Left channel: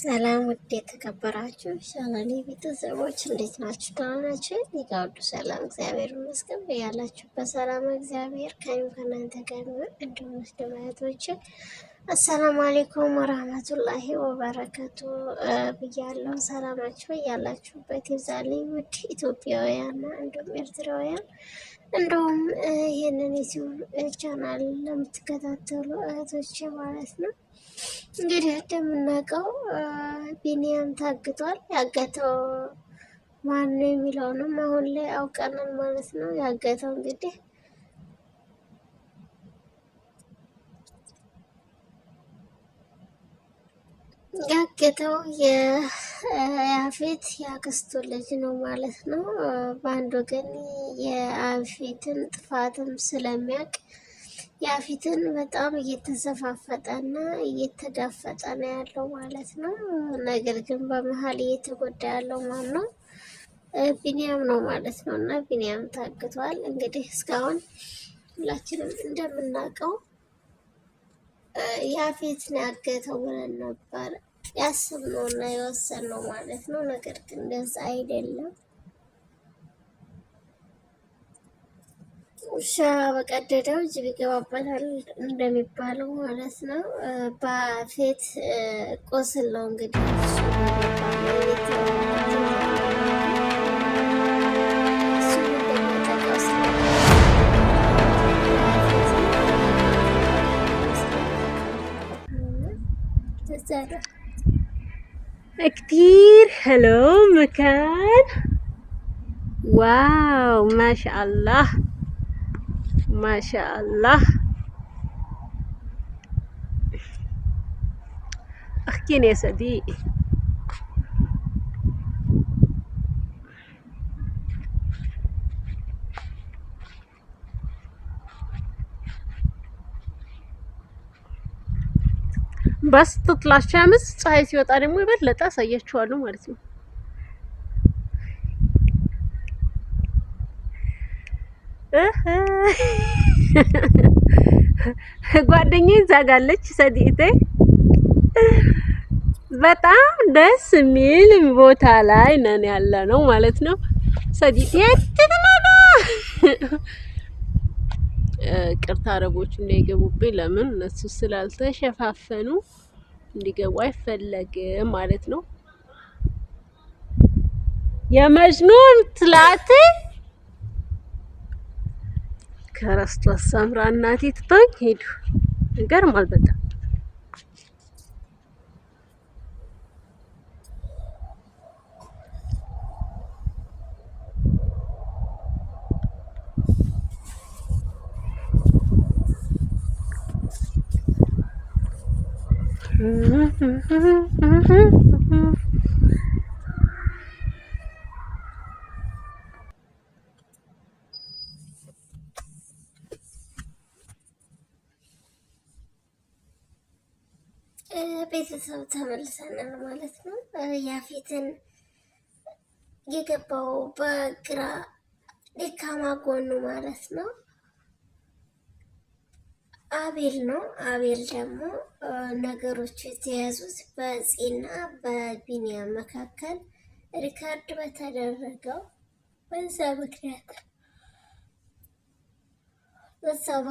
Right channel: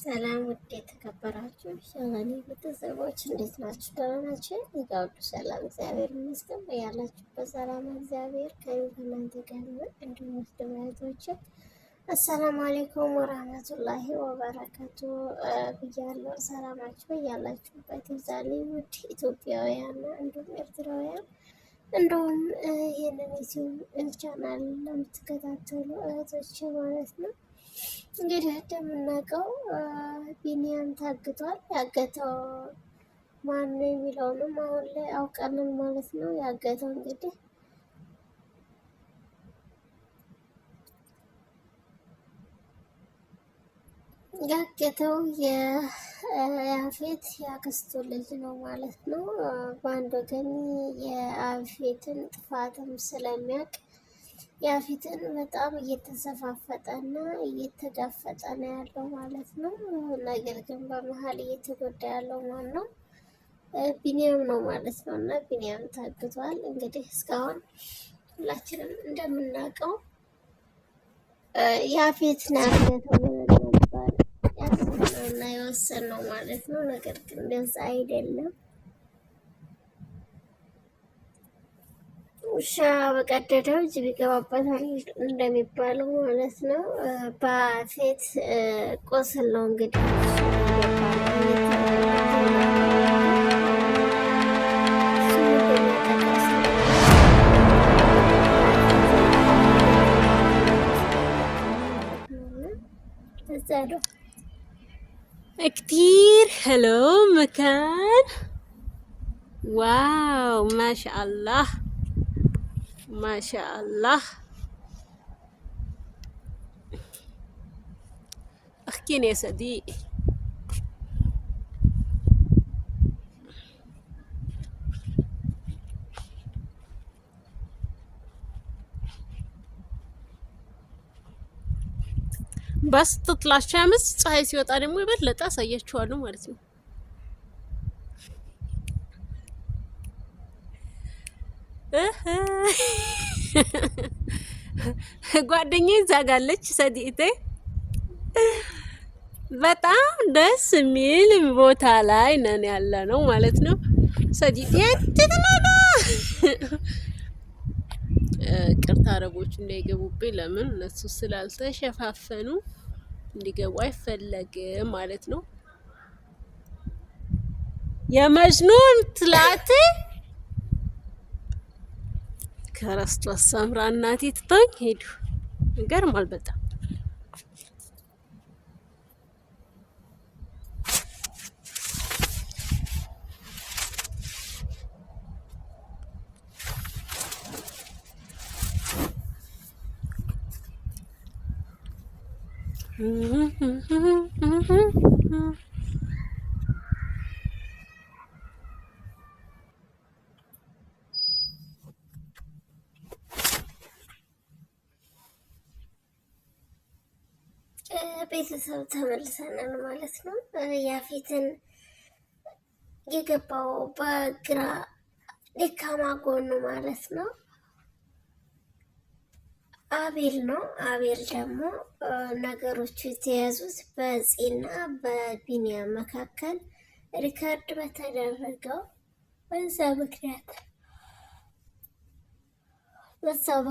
ሰላም ውድ የተከበራችሁ ቻናሌ ቤተሰቦች እንዴት ናችሁ? ደህና ናችሁ? እኔ ጋር ሁሉ ሰላም እግዚአብሔር ይመስገን። ያላችሁበት ሰላም እግዚአብሔር ከእናንተ ጋር ይሁን። እንዲሁም ሙስሊም እህቶች አሰላሙ አለይኩም ወራህመቱላሂ ወበረከቱ ብያለሁ። ሰላማችሁ ያላችሁበት ይብዛልኝ። ውድ ኢትዮጵያውያን እንዲሁም ኤርትራውያን እንዲሁም ይህንን ዩቲዩብ ቻናል ለምትከታተሉ እህቶች ማለት ነው። እንግዲህ እንደምናውቀው ቢኒያም ታግቷል። ያገተው ማን ነው የሚለውንም አሁን ላይ አውቀናል ማለት ነው። ያገተው እንግዲህ የያፌት ያክስቱ ልጅ ነው ማለት ነው። በአንድ ወገን የያፌትን ጥፋትም ስለሚያውቅ ያፌትን በጣም እየተዘፋፈጠና እየተጋፈጠ ነው ያለው ማለት ነው። ነገር ግን በመሀል እየተጎዳ ያለው ማን ነው? ቢኒያም ነው ማለት ነው። እና ቢኒያም ታግቷል። እንግዲህ እስካሁን ሁላችንም እንደምናውቀው ያፌት ነው ያገተው ብለን ነበር ያሰብነው እና የወሰንነው ማለት ነው። ነገር ግን እንደዛ አይደለም። ውሻ በቀደደው ጅብ ይገባበታል እንደሚባለው ማለት ነው። በያፌት ቁስል ነው እንግዲህ كتير حلو مكان. واو ما شاء الله ما شاء الله. احكيني يا صديقي. بس تطلع الشمس ፀሐይ ሲወጣ ደግሞ ይበለጥ አሳያችኋለሁ ማለት ነው። ጓደኛዬ ዛጋለች ሰዲቴ በጣም ደስ የሚል ቦታ ላይ ነን ያለ ነው ማለት ነው። ሰዲቴ ትትናዳ ቅርታ አረቦች እንዳይገቡብኝ ለምን እነሱ ስላልተሸፋፈኑ እንዲገቡ አይፈለግም ማለት ነው። የመጅኑን ትላቴ ከረስቷት ሳምራ እናቴ ትታኝ ሄዱ። ይገርማል በጣም ቤተሰብ ተመልሰናል ማለት ነው። ያፌትን የገባው በግራ ደካማ ጎኑ ማለት ነው አቤል ነው። አቤል ደግሞ ነገሮቹ የተያዙት በፂና በቢኒያም መካከል ሪካርድ በተደረገው በዛ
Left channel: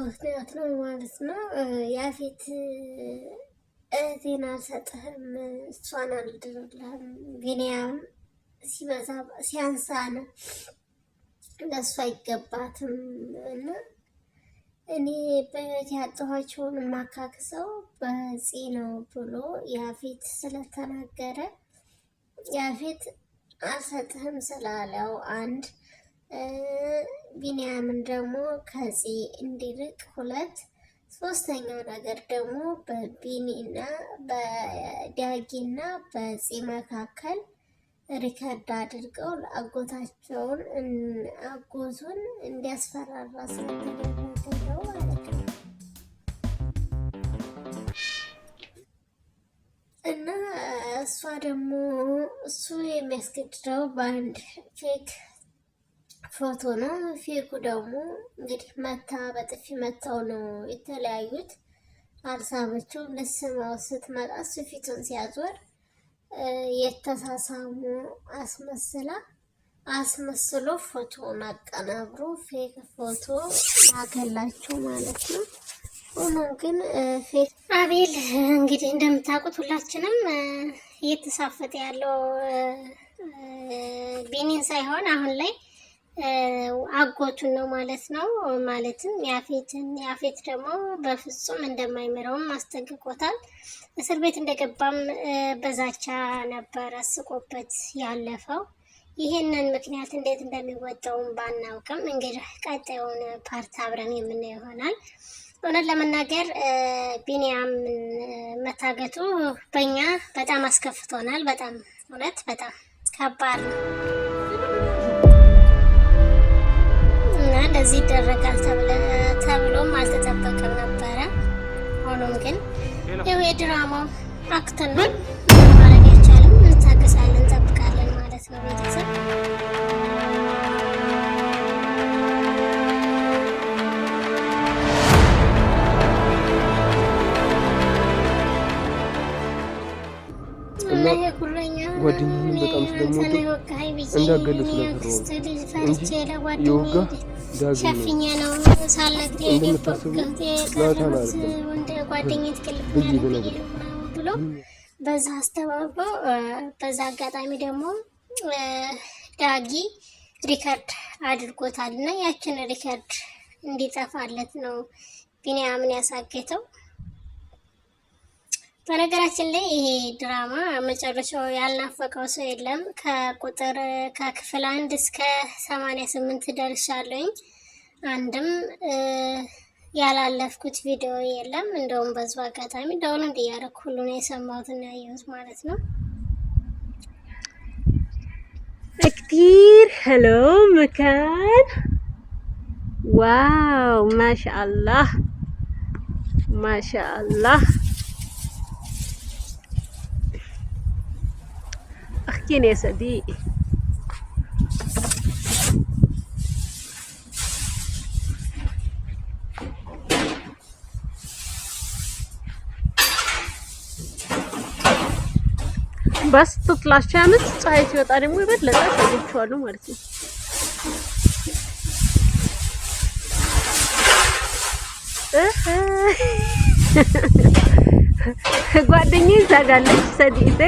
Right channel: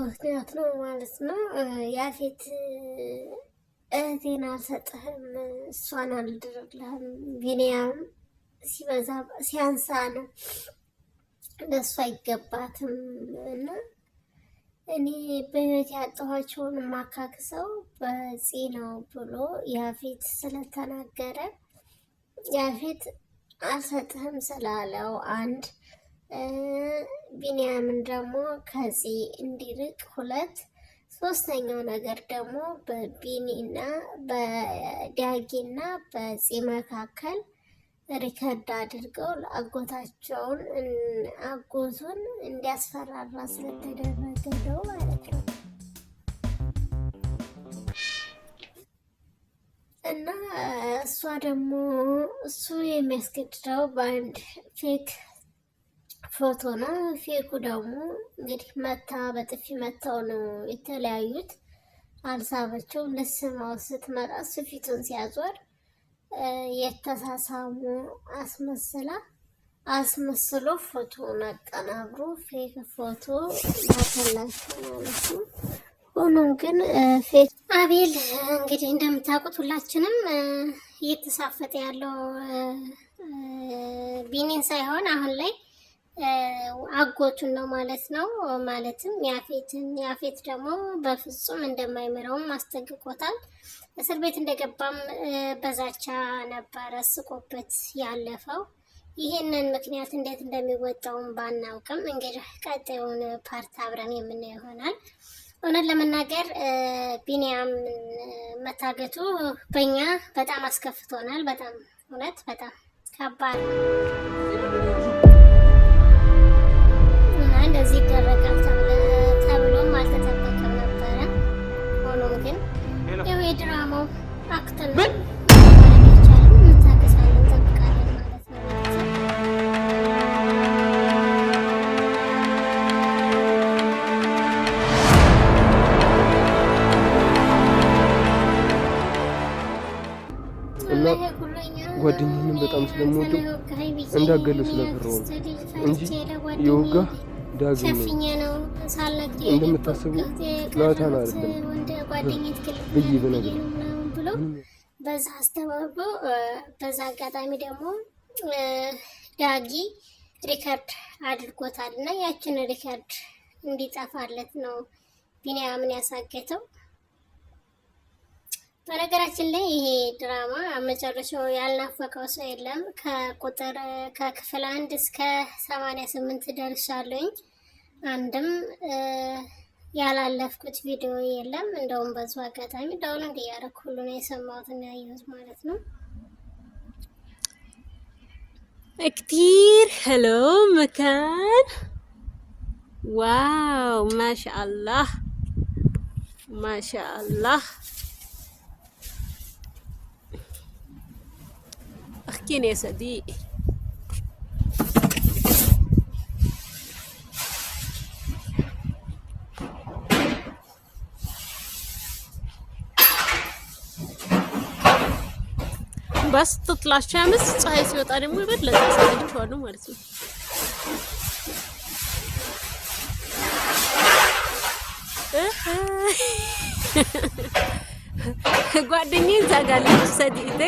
ምክንያት ነው ማለት ነው። ያፌት እህቴን አልሰጥህም፣ እሷን አልድርልህም፣ ቢኒያም ሲበዛ ሲያንሳ ነው ለእሷ አይገባትም እና እኔ በህይወት ያጣኋቸውን ማካክሰው በፂ ነው ብሎ ያፌት ስለተናገረ ያፌት አልሰጥህም ስላለው አንድ ቢኒያምን ደግሞ ከፂ እንዲርቅ ሁለት ሶስተኛው ነገር ደግሞ በቢኒና በዳጊና በፂ መካከል ሪከርድ አድርገው አጎታቸውን አጎቱን እንዲያስፈራራ ስለተደረገ ነው ማለት ነው። እና እሷ ደግሞ እሱ የሚያስገድደው በአንድ ፌክ ፎቶ ነው። ፌኩ ደግሞ እንግዲህ መታ በጥፊ መታው ነው የተለያዩት። አልሳበችውም። ልስማው ስትመጣ እሱ ፊቱን ሲያዞር የተሳሳሙ አስመስሎ ፎቶውን አቀናብሮ ፌክ ፎቶ ላከላችሁ ማለት ነው። ሆኖም ግን ፌክ አቤል እንግዲህ እንደምታውቁት ሁላችንም እየተሳፈጠ ያለው ቢኒን ሳይሆን አሁን ላይ አጎቱን ነው ማለት ነው። ማለትም ያፌት ደግሞ በፍጹም እንደማይምረውም አስጠንቅቆታል። እስር ቤት እንደገባም በዛቻ ነበረ ስቆበት ያለፈው። ይሄንን ምክንያት እንዴት እንደሚወጣውም ባናውቅም እንግዲህ ቀጣዩን ፓርት አብረን የምናየው ይሆናል። እውነት ለመናገር ቢኒያም መታገቱ በእኛ በጣም አስከፍቶናል። በጣም እውነት በጣም ከባድ ነው። እንደዚህ ይደረጋል ተብሎም አልተጠበቀም ነበረ። ሆኖም ግን ያው የድራማው አክት ነው፣ ማድረግ አይቻልም። እንታገሳለን፣ እንጠብቃለን ማለት ነው ቤተሰብ። እና ጓደኛዬን በጣም ስለምወደው እንዳገለ ስለፈራው እንጂ የወጋ ዳግም ነው እንደምታስቡ ናታን አይደለም ብዬ ብነግርህ በዛ አስተባብሎ በዛ አጋጣሚ ደግሞ ዳጊ ሪከርድ አድርጎታል እና ያችን ሪከርድ እንዲጠፋለት ነው ቢኒያምን ያሳገተው። በነገራችን ላይ ይሄ ድራማ መጨረሻው ያልናፈቀው ሰው የለም። ከክፍል 1 እስከ 88 ደርሻለሁኝ። አንድም ያላለፍኩት ቪዲዮ የለም። እንደውም በዙ አጋጣሚ ዳውንሎድ እያደረኩ ሁሉ ነው የሰማሁትና ያየሁት ማለት ነው። كتير حلو مكان. واو ما شاء الله ما شاء الله. احكيني يا صديقي. بس تطلع الشمس ፀሐይ ሲወጣ ደግሞ ይበለጥ ያሳያችኋለሁ ማለት ነው። ጓደኛዬ ዛጋለች ሰዲቴ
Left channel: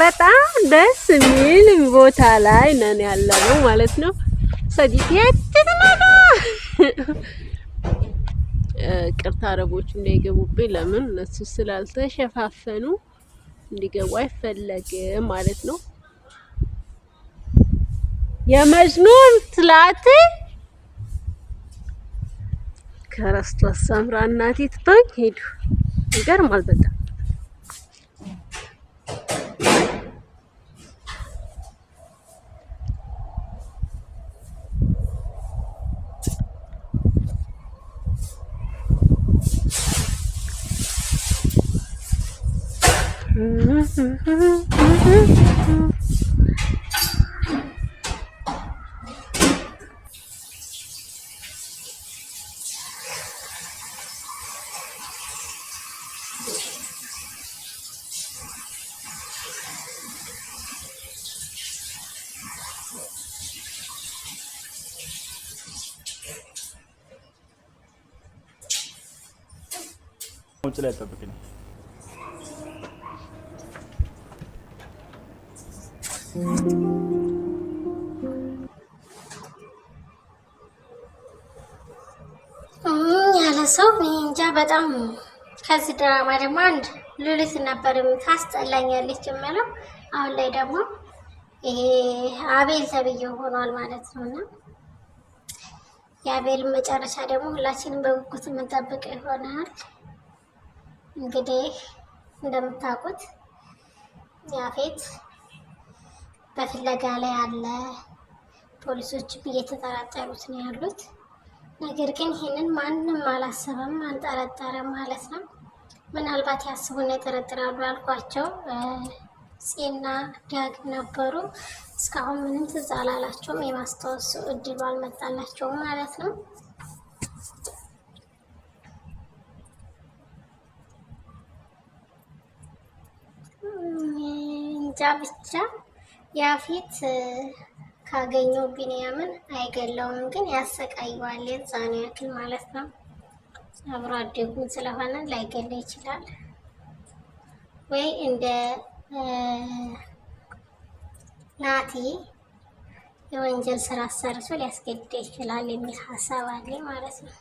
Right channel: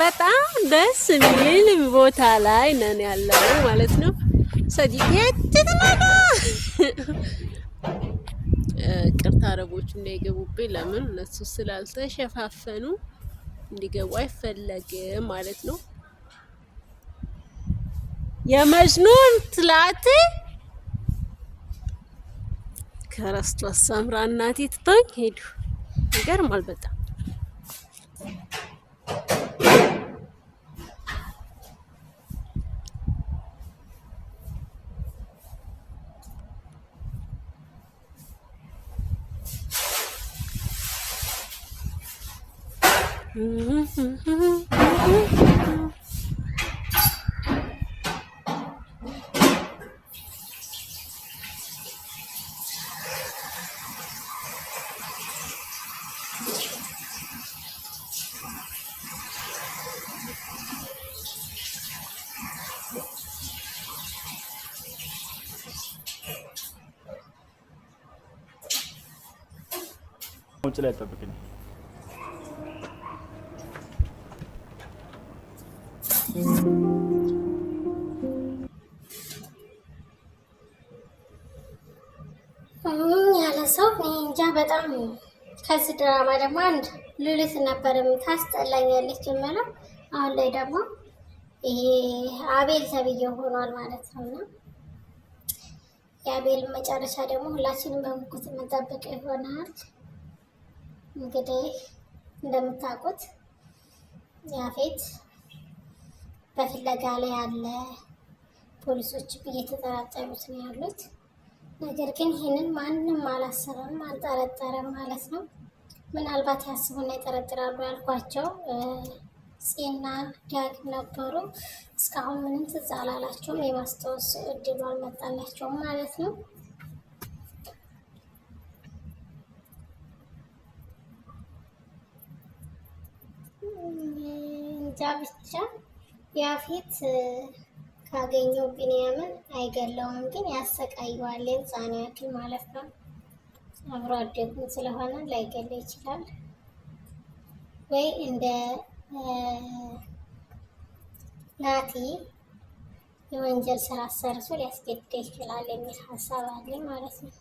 በጣም ደስ የሚል ቦታ ላይ ነን ያለው ማለት ነው። ሰዲቴ ትትናዳ ቅርታ አረቦቹ እንዳይገቡብኝ ለምን እነሱ ስላልተሸፋፈኑ እንዲገቡ አይፈለግም ማለት ነው። የመጅኑን ትላት ከረስቷት ሳምራ እናቴ ትታኝ ሄዱ። ይገርማል በጣም ውጭ ላይ ጠብቅኝ። ያለ ሰው እንጃ በጣም ከዚህ ድራማ ደግሞ አንድ ሉሊት ነበር ታስጠላኛለች የምለው። አሁን ላይ ደግሞ ይሄ አቤል ተብዬው ሆኗል ማለት ነውና የአቤል መጨረሻ ደግሞ ሁላችንም በጉጉት የምንጠብቀው ይሆናል። እንግዲህ እንደምታውቁት ያፌት በፍለጋ ላይ አለ። ፖሊሶችም እየተጠራጠሩት ነው ያሉት። ነገር ግን ይህንን ማንም አላሰበም አልጠረጠረም ማለት ነው። ምናልባት ያስቡና ይጠረጥራሉ አልኳቸው። ፂና ዳግም ነበሩ። እስካሁን ምንም ትዝ አላላቸውም። የማስታወስ እድሉ አልመጣላቸውም ማለት ነው። እንጃ ብቻ ያፌት ካገኘው ቢንያምን አይገለውም፣ ግን ያሰቃየዋል። የዛኔ ያክል ማለት ነው። አብሮ አደጉ ስለሆነ ላይገለው ይችላል ወይ እንደ ናቲ የወንጀል ስራ ሰርቶ ሊያስገድድ ይችላል የሚል ሀሳብ አለኝ ማለት ነው።